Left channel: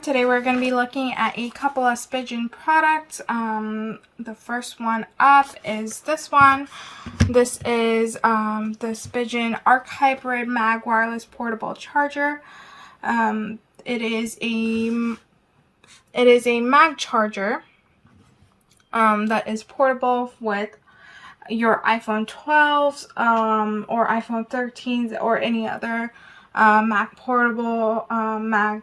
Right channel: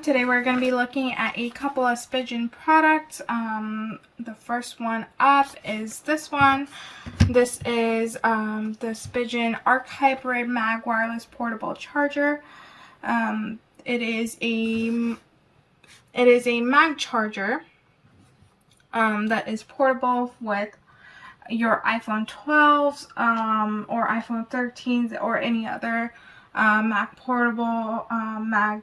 everyone. Today we're going to be looking at a couple of Spigen products. The first one up is this one. This is the Spigen ArcHybrid Mag Wireless Portable Charger. It is a mag charger that is portable with your iPhone 12s or iPhone 13s or any other Mac portable mag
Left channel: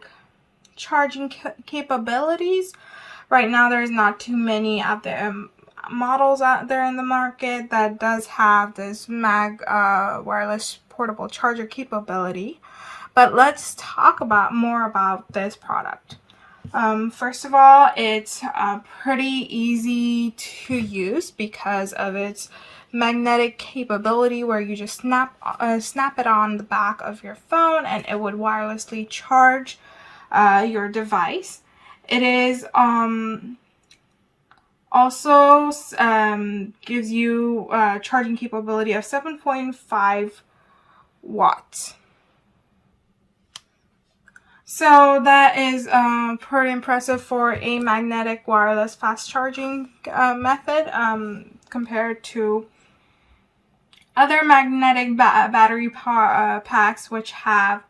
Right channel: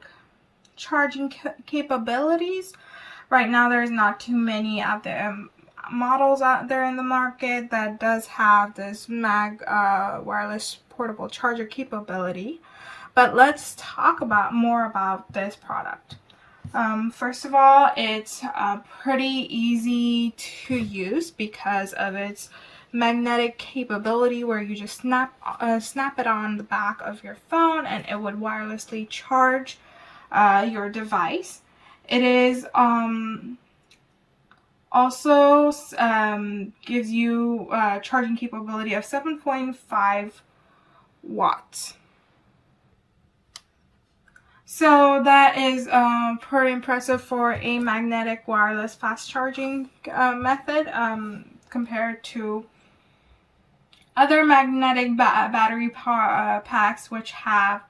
charging capabilities. Right now there's not too many out there models out there in the market that does have this mag wireless portable charger capability, but let's talk more about this product. First of all, it's pretty easy to use because of its magnetic capability, where you just snap it on the back of your phone and it would wirelessly charge your device. It is also gives you charging capability of 7.5 watts. So that is pretty impressive for a magnetic wireless fast charging method compared to other magnetic battery packs, which have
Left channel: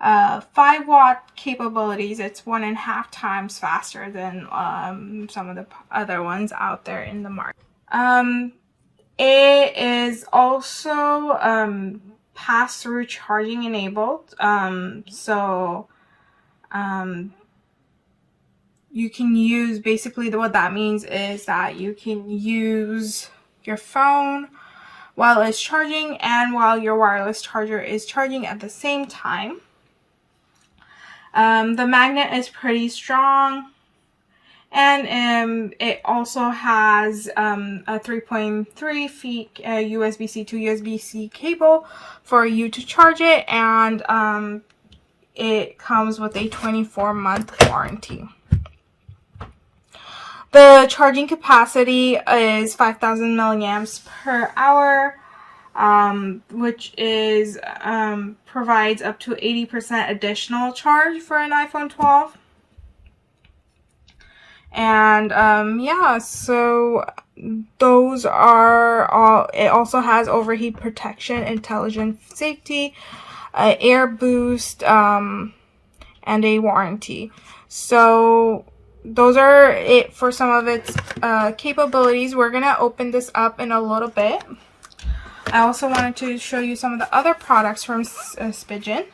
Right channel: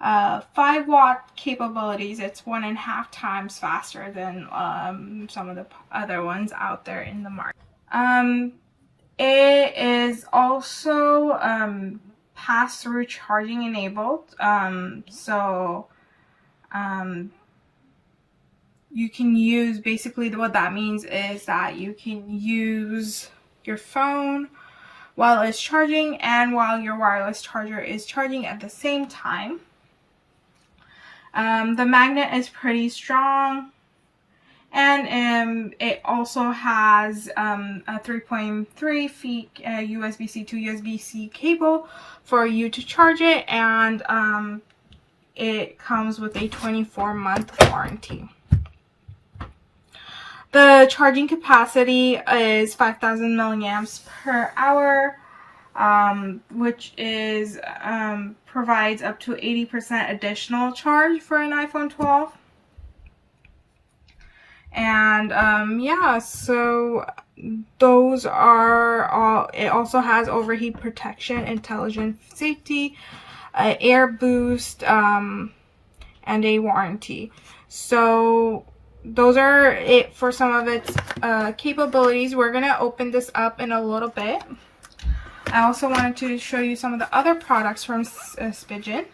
5-watt capabilities. It's 1.5 times faster than some of the other ones out there in the market. It is also pass-through charging enabled, so you can use, basically what that means is that you can use your phone while it's charging and while your wireless charger is charging at the same time. The magnet is pretty strong, and it also has a 3.3 feet USB-C to USB-C cable for you to charge it, and it comes with a 24-month warranty. The charging capacity is 5,000 milliamps per hour, which is provides up to 80% additional charge for an iPhone 12. And yeah, so those are all. It also has overheat protection, intelligent safety, air boost, and a warranty. So those are it for some of its capabilities. We're gonna open this up in a little bit. I also wanted to show you some of the other products from Spigen.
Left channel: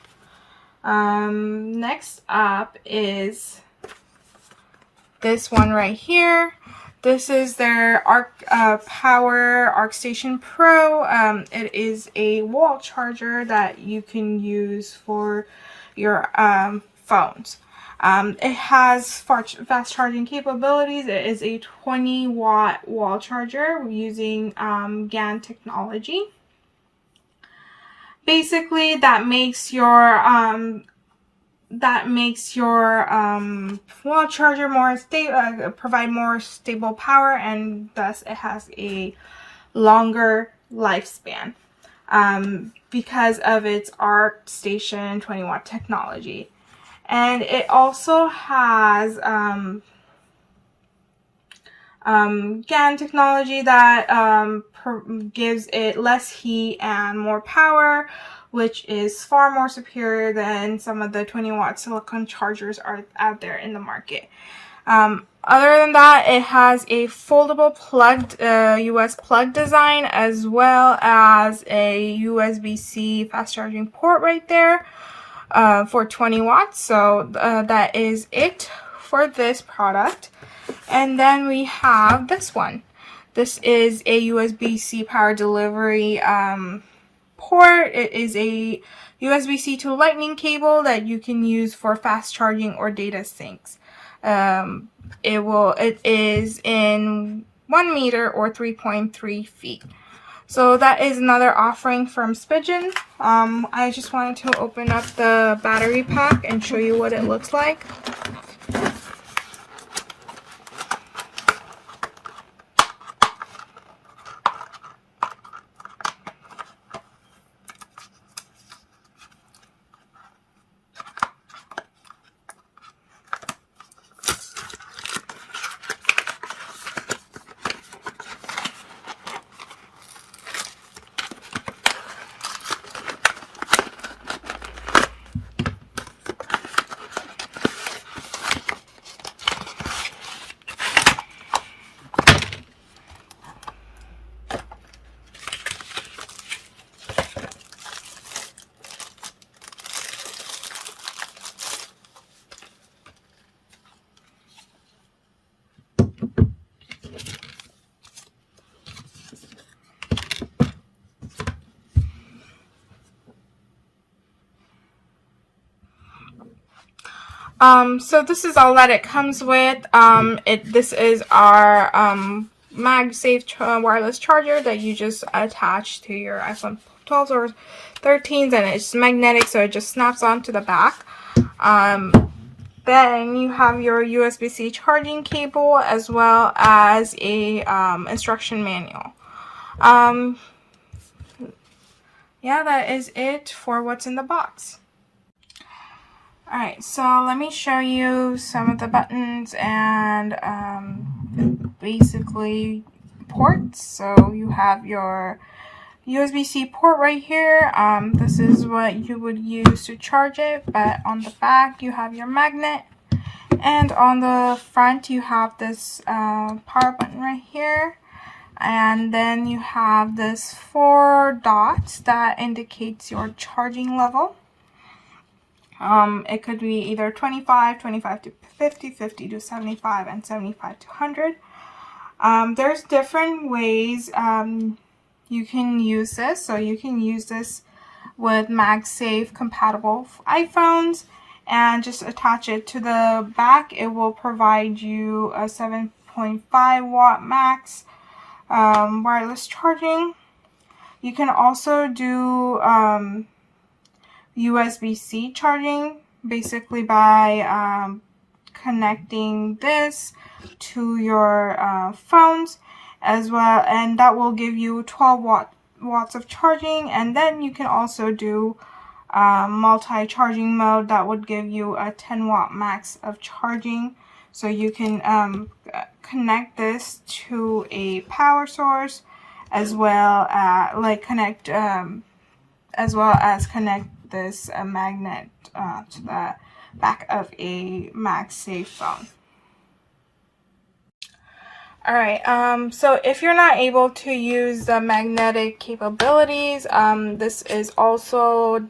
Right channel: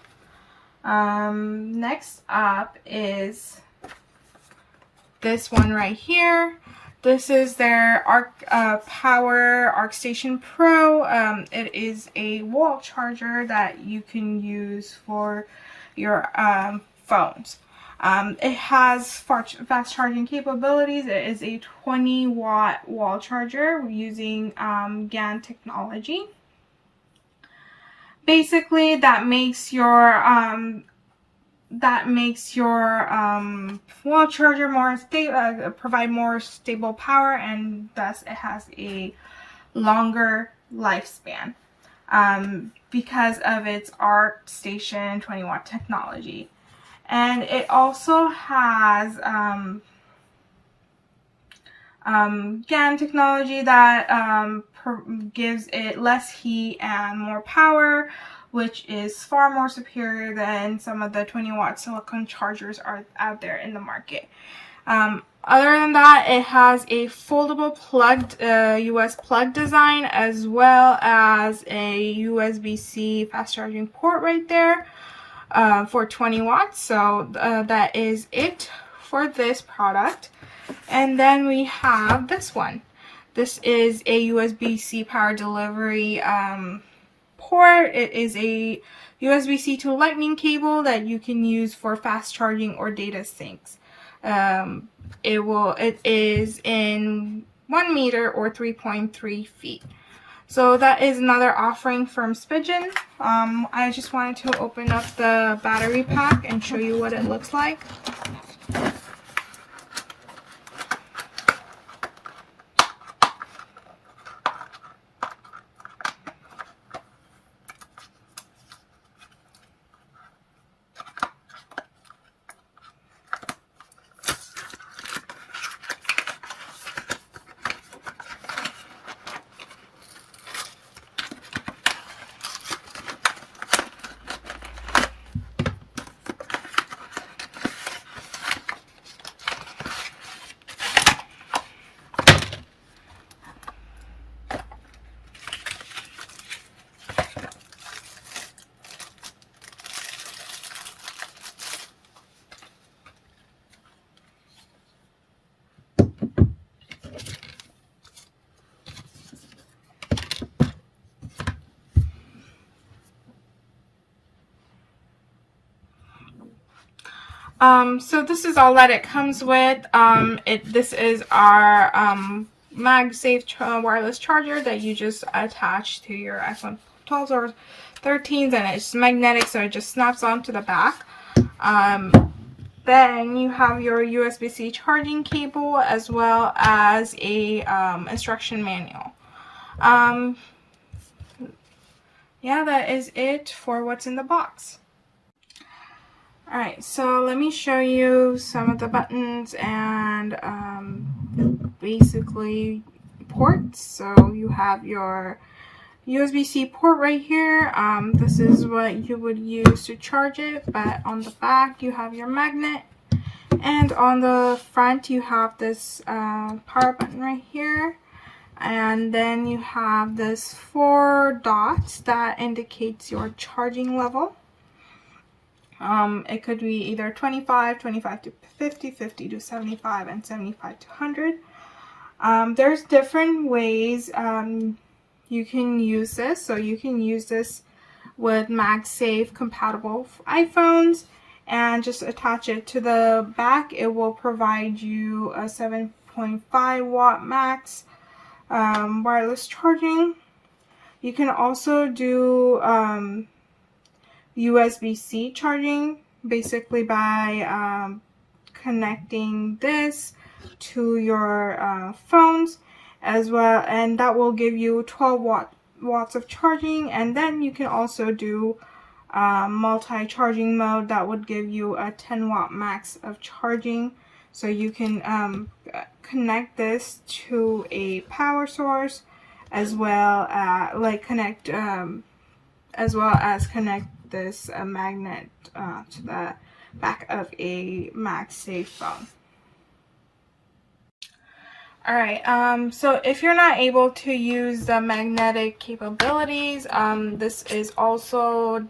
Next up is this one right here. This is their Power ArcStation Pro. It is a wall charger that you can use for your phones. It has fast charging capabilities. It is a 20-watt wall charger using GaN technology. Basically, that makes your wall charger more stable, provide more stable power, and thus it has a longer lifespan because of its ArcStation 20-watt technology. And it also has GaN technology that gives it less heat and more power, which is far more superior than some of the 20-watt silicone chargers are out there in the market. Other than that, it has a foldable plugged US plug design, as well as a USB-C fast charging port right there. For 20 watts. So that is it for this product. And then we have this one. This is a USB-C power delivery port. It is a USB-C to lightning cable that you can use for fast charging or data syncs. It is in 1 meter or 3.3 feet. So that is another offering from Spigen. I just wanted to open up the battery pack and show you what it looks like. So this is all that it comes with. This is our MagSafe wireless charger that you just attach to your iPhone 12s or 13s, and it's magnetic, so it just snaps onto the back. Then you have your USB-C charging cable as well as a instruction manual. Yeah, that is it for what's in the box. Alright, so let me show you some of the buttons and basically ports. So you have your USB-C port right here. This is what you would use to charge it, but on the back you have your magnet, and on the front you have this power button right here, and then you have this 4 dots that indicates your charging level. It could be either 25 to 50, 50 to 75, and 75 to 100. There's different ways you can use this. So you can use this with MagSafe compatible iPhones and just attach it to the back. It will provide you a 7.5 watt max wireless charging. You can also do USB-C charging, basically by connecting this to your phones as well, and that will give you 12 watts of charging. And then you can also do multi-charging mode that would give you a 10 watt max of charging. So you can connect this to a power source as well connect this magnet to the back of a MagSafe phone. Alright, so if you're not able to use the magnetic capabilities, this is also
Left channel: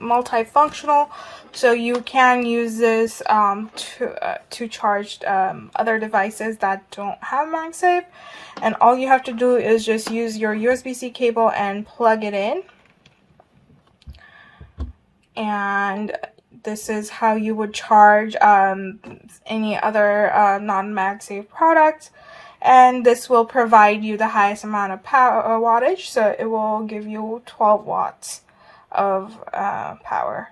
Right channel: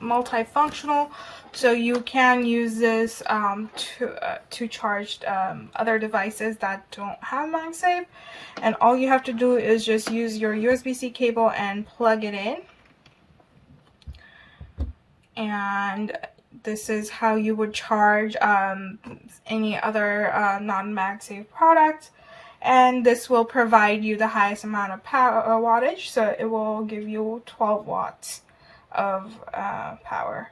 multifunctional, so you can use this to charge other devices that don't have MagSafe. And all you have to do is just use your USB-C cable and plug it in. And this is how you would charge any other non-MagSafe products, and this will provide you the highest amount of power wattage, so it will give you 12 watts of power.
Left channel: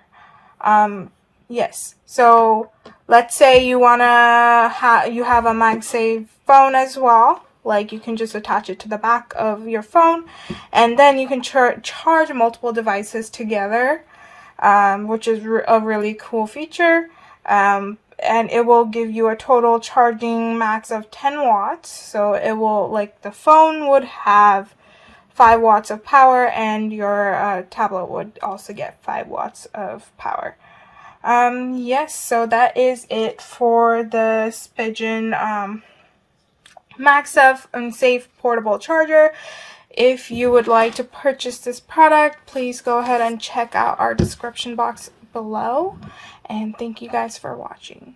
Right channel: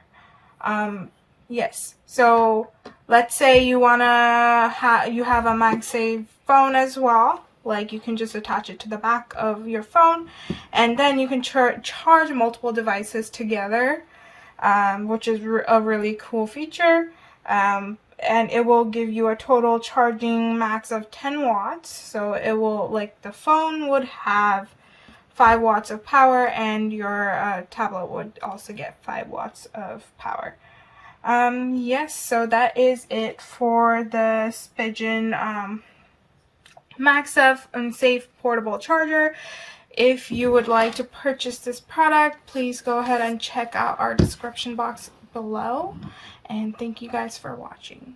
Yes, so let's say you you have a MagSafe phone as well. Like, you can just attach it to the back of your phone, and then you can charge multiple devices together. Which is a really cool feature, and it will give you a total charging max of 10 watts. So it will, like, the phone would have 5 watts of power, and your tablet would also get 5 watts of power. Yes, so that is it for the Spigen MagSafe portable charger. If you would like to purchase this product, please go ahead and check out our description box below. And thank you guys for watching.